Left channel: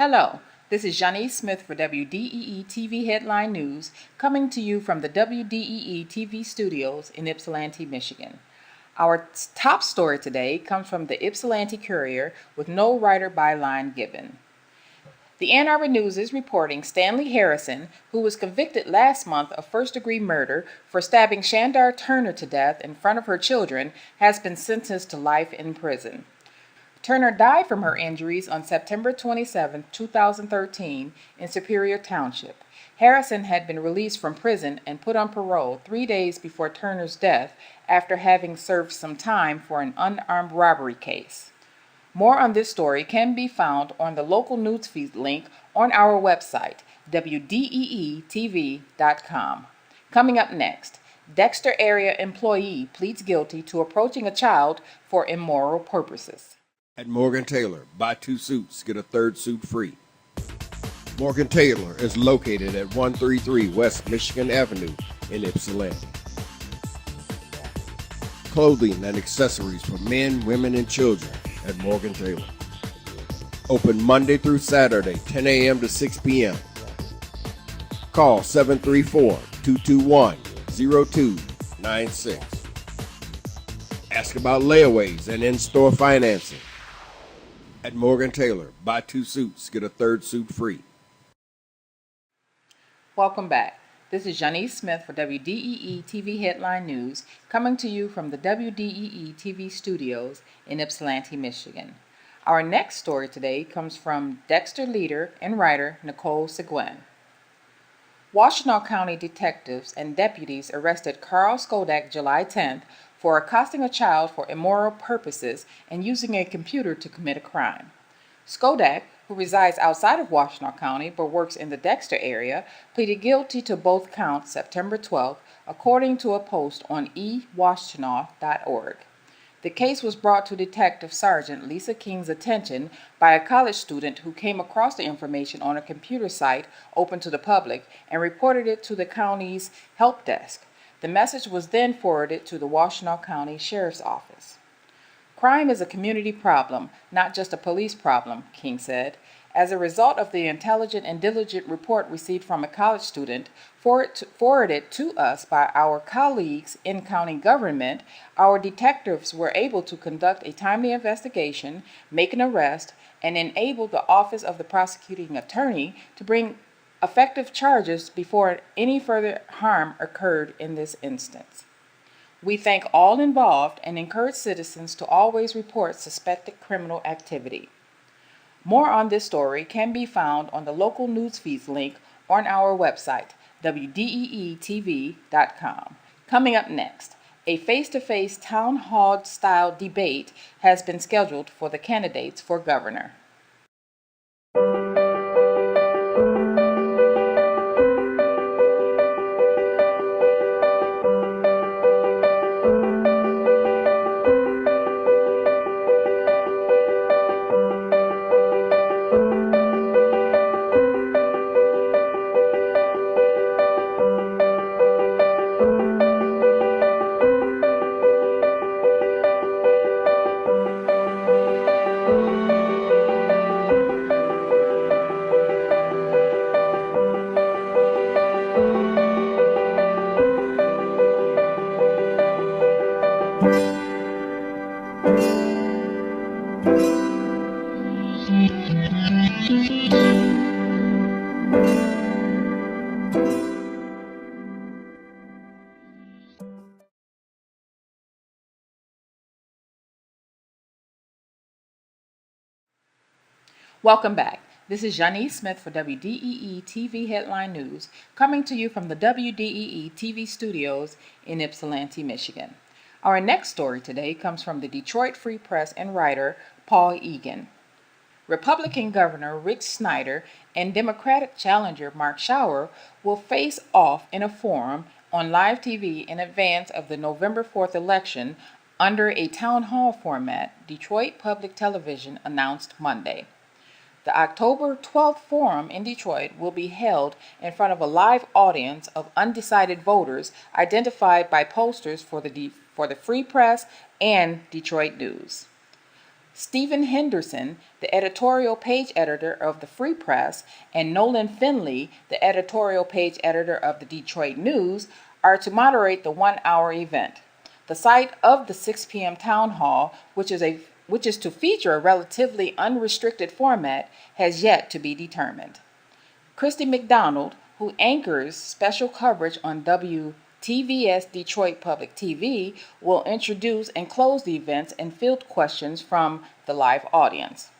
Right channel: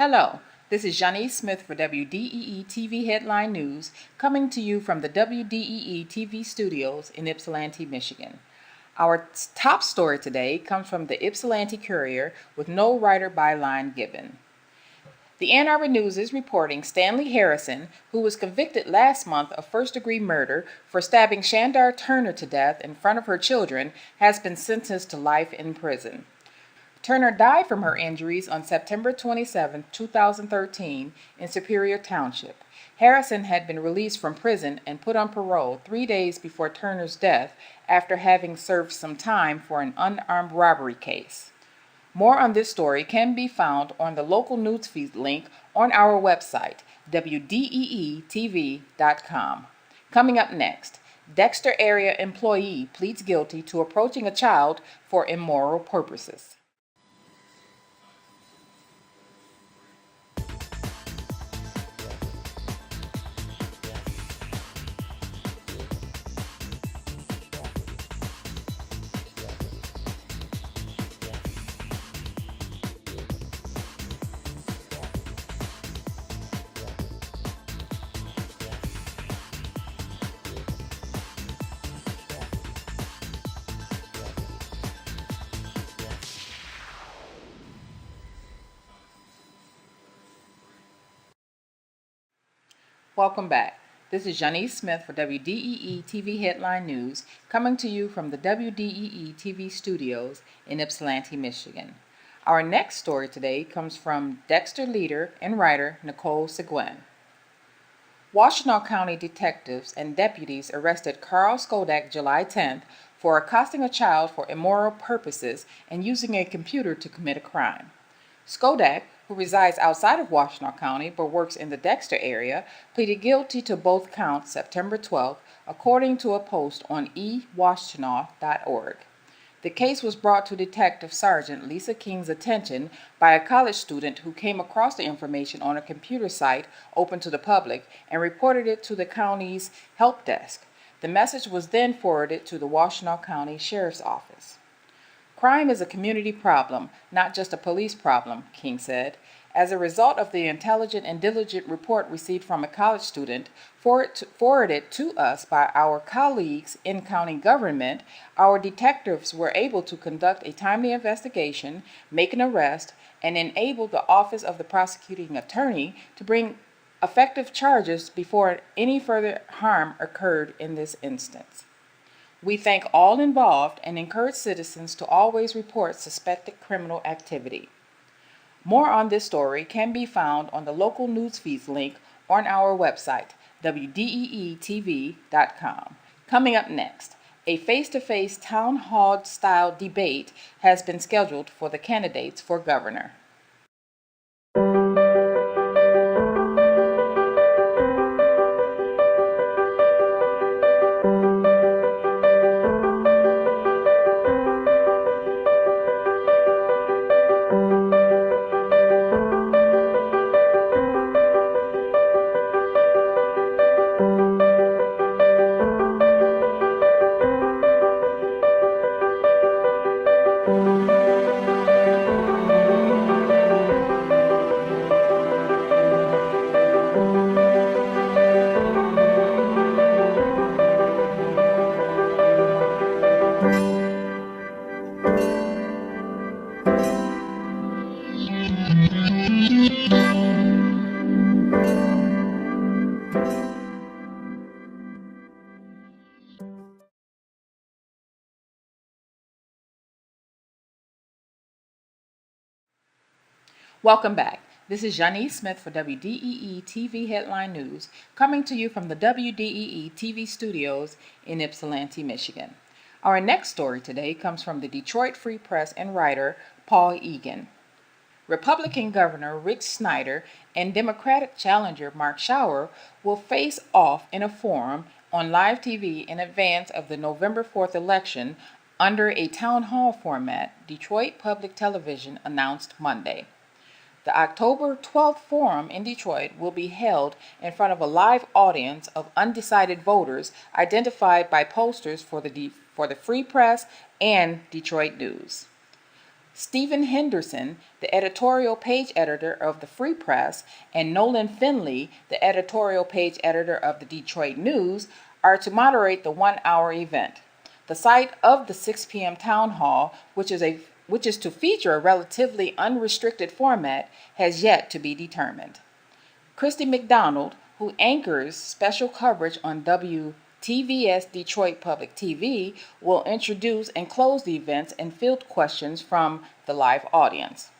Hello, this is Jzaniece Smith for WDEE TV Headline News, coming to you from the WDEE TV studios in Ypsilanti, Michigan. Our top story today comes from the Ypsilanti Courier with no writer byline given. The Ann Arbor News is reporting Stanley Harrison, who was convicted last month of first-degree murder for stabbing Shandar Turner to death in front of her children, has been sentenced to life in prison. Turner died from her injuries on September 27, 2013, in Superior Township. Harrison had been released from prison and put on parole 3 days before Turner's death after having served some time for an unarmed robbery case. More on this story can be found on the local newsfeed link on our website, WDEE TV.com. Coming up next, Dexter area employee pleads guilty to approaching a child for immoral purposes. At Morgan Taylor, buy 2 suits, get a 3rd suit free. Morgan Taylor is located at 133 West Michigan Avenue in Ypsilanti. Clothing and accessories for men, women, and children at Morgan Taylor. Open Monday through Saturday, 10 a.m. to 6 p.m. Call 734-221-0296. Ask about layaways and in-store financing. At Morgan Taylor, buy 2 suits, get a 3rd suit free. Welcome back. This is Jzaniece Smith for WDEE TV Headline News, coming to you from the WDEE TV studios in Ypsilanti, Michigan. Our next story today comes from Dexter leader and writer Nicole Seguin. Washtenaw County detectives and deputies arrested Carl Skodak July 10th for accosting a child for immoral purposes and using a computer to commit a crime. Skodak, who resides outside of Washtenaw County but works in the Dexter area, pleaded guilty to both counts September 12th, according to a post on ewashtenaw.org. The case was brought to Detective Sergeant Lisa King's attention by a college student who came across the information on a computer site open to the public and reported it to the county's help desk. The message was then forwarded to the Washtenaw County Sheriff's Office. Crime is a community problem, not just a police problem, King said. As a result of the intelligent and diligent report received from a college student, forwarded to us by our colleagues in county government, our detectives were able to conduct a timely investigation, make an arrest, and enable the Office of the Prosecuting Attorney to bring effective charges before any further harm occurred in this instance. We thank all involved and encourage citizens to always report suspected criminal activity. More on this story can be found on the local newsfeed link on our website, WDEETV.com. Coming up next, a face-to-face town hall-style debate has been scheduled for the candidates for governor. Welcome back. This is Jzaniece Smith for WDEE TV Headline News, coming to you from the WDEE TV studios in Ypsilanti, Michigan. Our next story today comes from the Detroit Free Press and writer Paul Egan. Republican Governor Rick Snyder and Democratic challenger Mark Schauer will face off in a forum on live TV in advance of the November 4th election under a town hall format, Detroit Public Television announced Monday. The October 12th forum in Detroit will be held in front of a live audience of undecided voters identified by posters for the Free Press and Detroit News. Stephen Henderson, the editorial page editor of the Free Press, and Nolan Finley, the editorial page editor of the Detroit News, are to moderate the one-hour event. The site of the 6 p.m. town hall, which is to feature a relatively unrestricted format, has yet to be determined. Christy McDonald, who anchors special coverage on WTVS Detroit Public TV, will introduce and close the events and field questions from the live audience.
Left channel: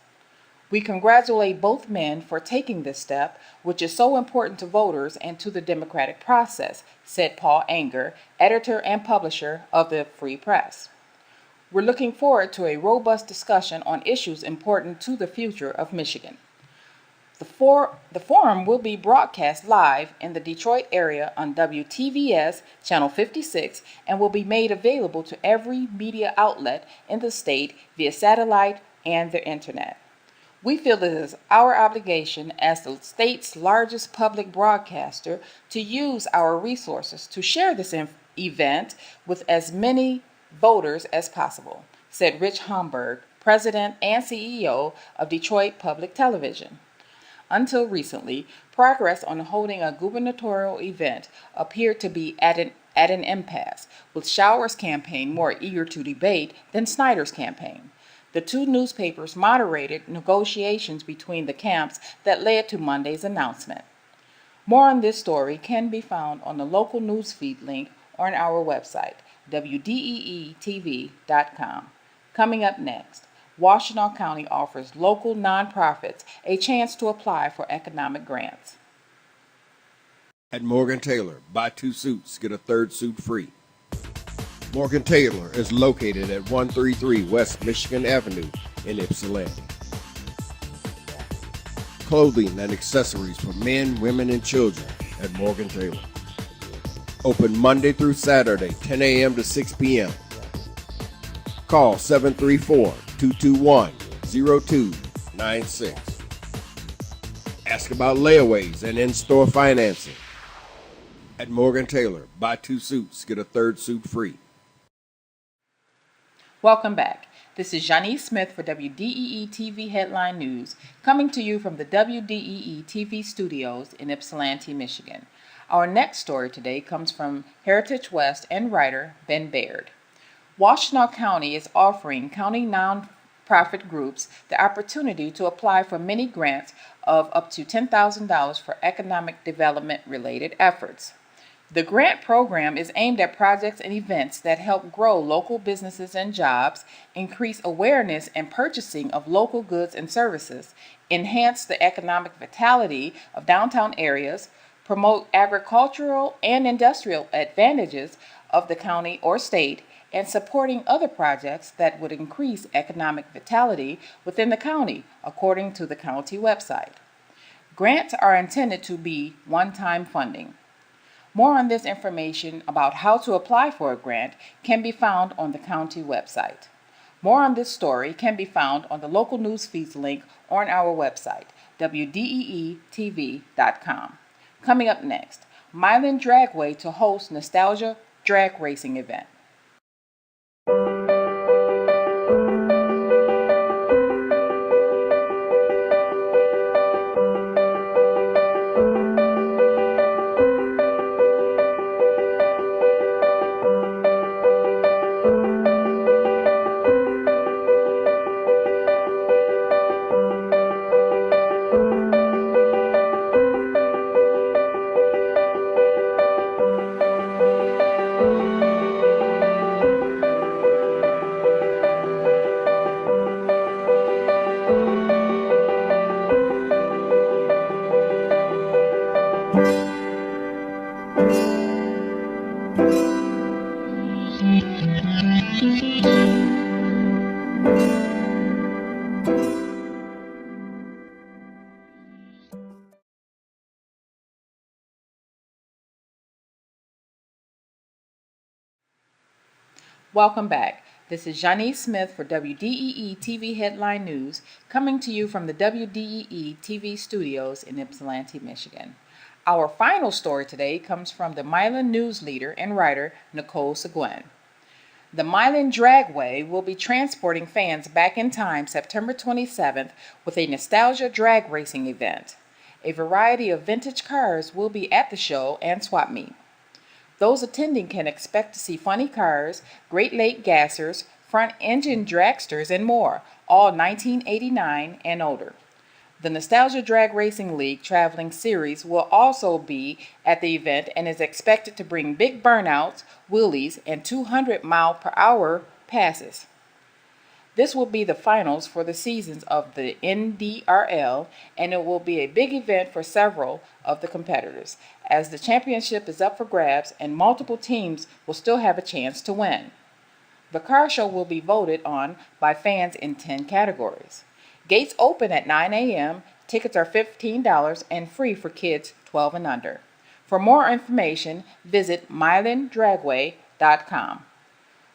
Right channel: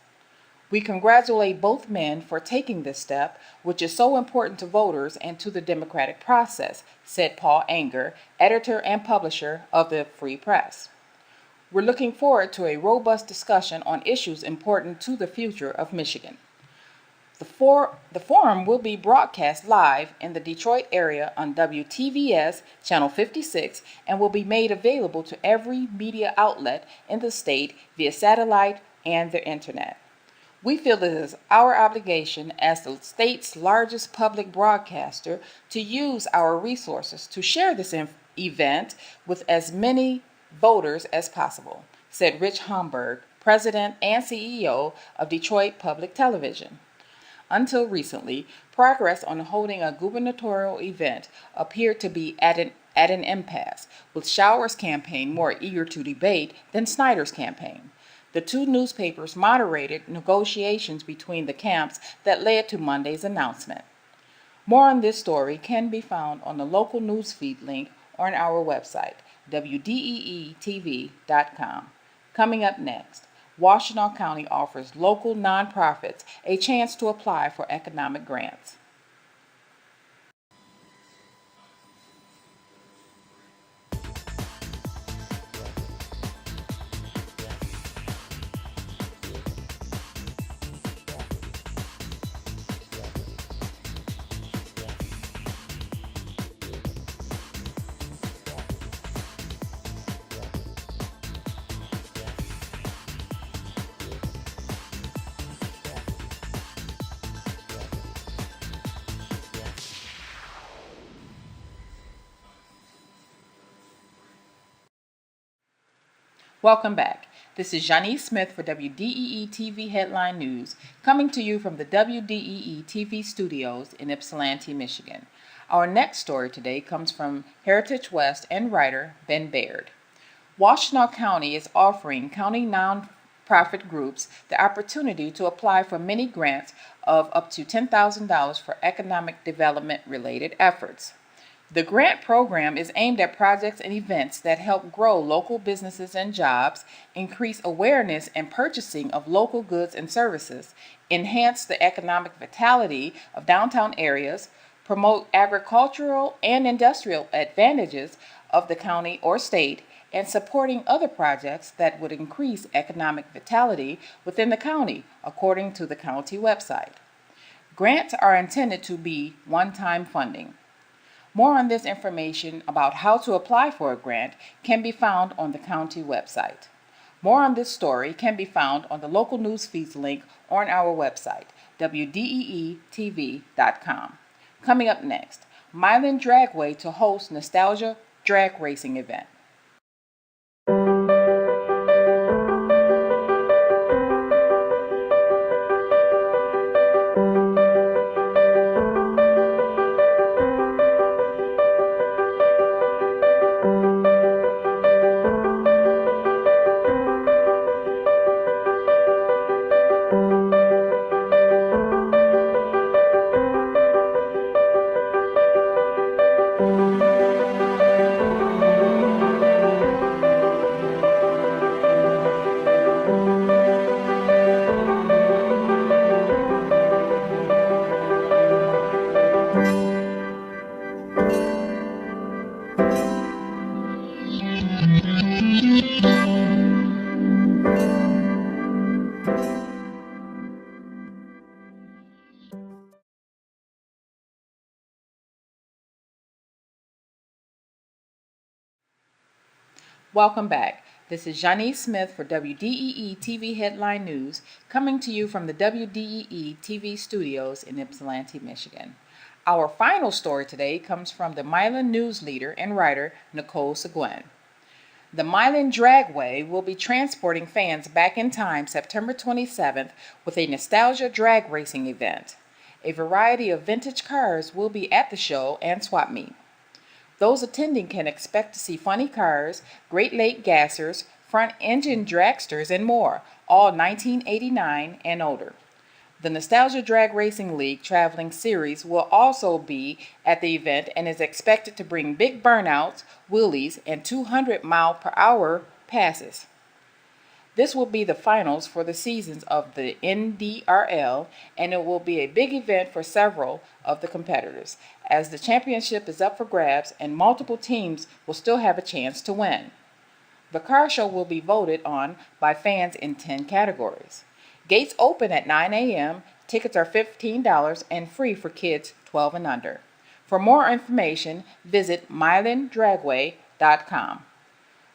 We congratulate both men for taking this step, which is so important to voters and to the democratic process, said Paul Anger, editor and publisher of the Free Press. We're looking forward to a robust discussion on issues important to the future of Michigan. The forum will be broadcast live in the Detroit area on WTVS Channel 56 and will be made available to every media outlet in the state via satellite and the internet. We feel it is our obligation as the state's largest public broadcaster to use our resources to share this event with as many voters as possible, said Rich Homburg, President and CEO of Detroit Public Television. Until recently, progress on holding a gubernatorial event appeared to be at an impasse, with Shower's campaign more eager to debate than Snyder's campaign. The two newspapers moderated negotiations between the camps that led to Monday's announcement. More on this story can be found on the local newsfeed link on our website, WDEETV.com. Coming up next, Washtenaw County offers local nonprofits a chance to apply for economic grants. At Morgan Taylor, buy 2 suits, get a 3rd suit free. Morgan Taylor is located at 133 West Michigan Avenue in Ypsilanti. Clothing and accessories for men, women, and children at Morgan Taylor. Open Monday through Saturday, 10 a.m. to 6 p.m. Call 734-221-0296. Ask about layaways and in-store financing. At Morgan Taylor, buy 2 suits, get a 3rd suit free. Welcome back. This is Jzaniece Smith for WDEE TV Headline News, coming to you from the WDEE TV studios in Ypsilanti, Michigan. Our next story today comes from Heritage West and writer Ben Baird. Washtenaw County is offering county nonprofit groups the opportunity to apply for many grants of up to $10,000 for economic development-related efforts. The grant program is aimed at projects and events that help grow local businesses and jobs, increase awareness and purchasing of local goods and services, enhance the economic vitality of downtown areas, promote agricultural and industrial advantages of the county or state, and supporting other projects that would increase economic vitality within the county, according to the county website. Grants are intended to be one-time funding. More on this information about how to apply for a grant can be found on the county website. More on this story can be found on the local news feeds link on our website, WDEETV.com. Coming up next, Milan Dragway to host Nostalgia Drag Racing event. Welcome back. This is Jzaniece Smith for WDEE TV Headline News, coming to you from the WDEE TV studios in Ypsilanti, Michigan. Our final story today comes from the Milan news leader and writer Nicole Seguin. The Milan Dragway will be transporting fans back in time September 27th with a nostalgia drag racing event. A variety of vintage cars will be at the show and swap meet. Those attending can expect to see funny cars, Great Lake gassers, front-engine dragsters, and more, all 1989 and older. The Nostalgia Drag Racing League Traveling Series will also be at the event and is expected to bring big burnouts, wheelies, and 200-mile-per-hour passes. This will be the finals for the seasons of the NDRL, and it will be a big event for several of the competitors, as the championship is up for grabs and multiple teams will still have a chance to win. The car show will be voted on by fans in 10 categories. Gates open at 9 a.m., tickets are $15 and free for kids 12 and under. For more information, visit milandragway.com.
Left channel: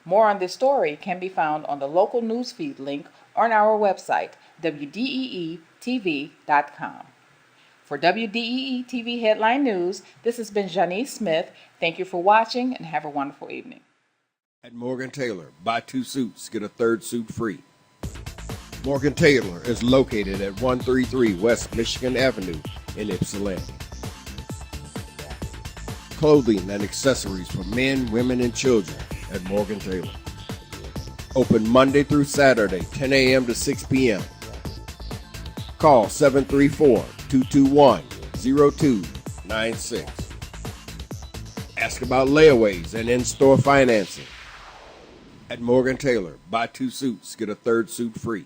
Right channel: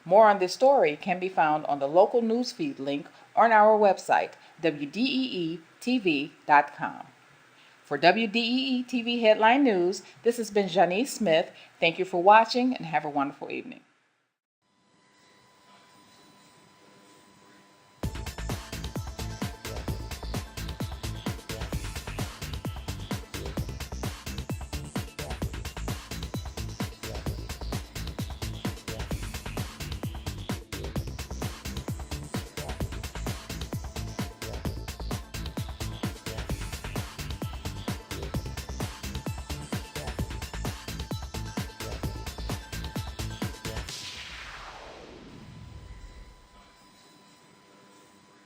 More on this story can be found on the local newsfeed link on our website, WDEE TV.com. For WDEE TV Headline News, this has been Jzaniece Smith. Thank you for watching and have a wonderful evening. At Morgan Taylor, buy 2 suits, get a 3rd suit free. Morgan Taylor is located at 133 West Michigan Avenue in Ypsilanti. Clothing and accessories for men, women, and children at Morgan Taylor. Open Monday through Saturday, 10 a.m. to 6 p.m. Call 734-221-0296. Ask about layaways and in-store financing. At Morgan Taylor, buy 2 suits, get a 3rd suit free.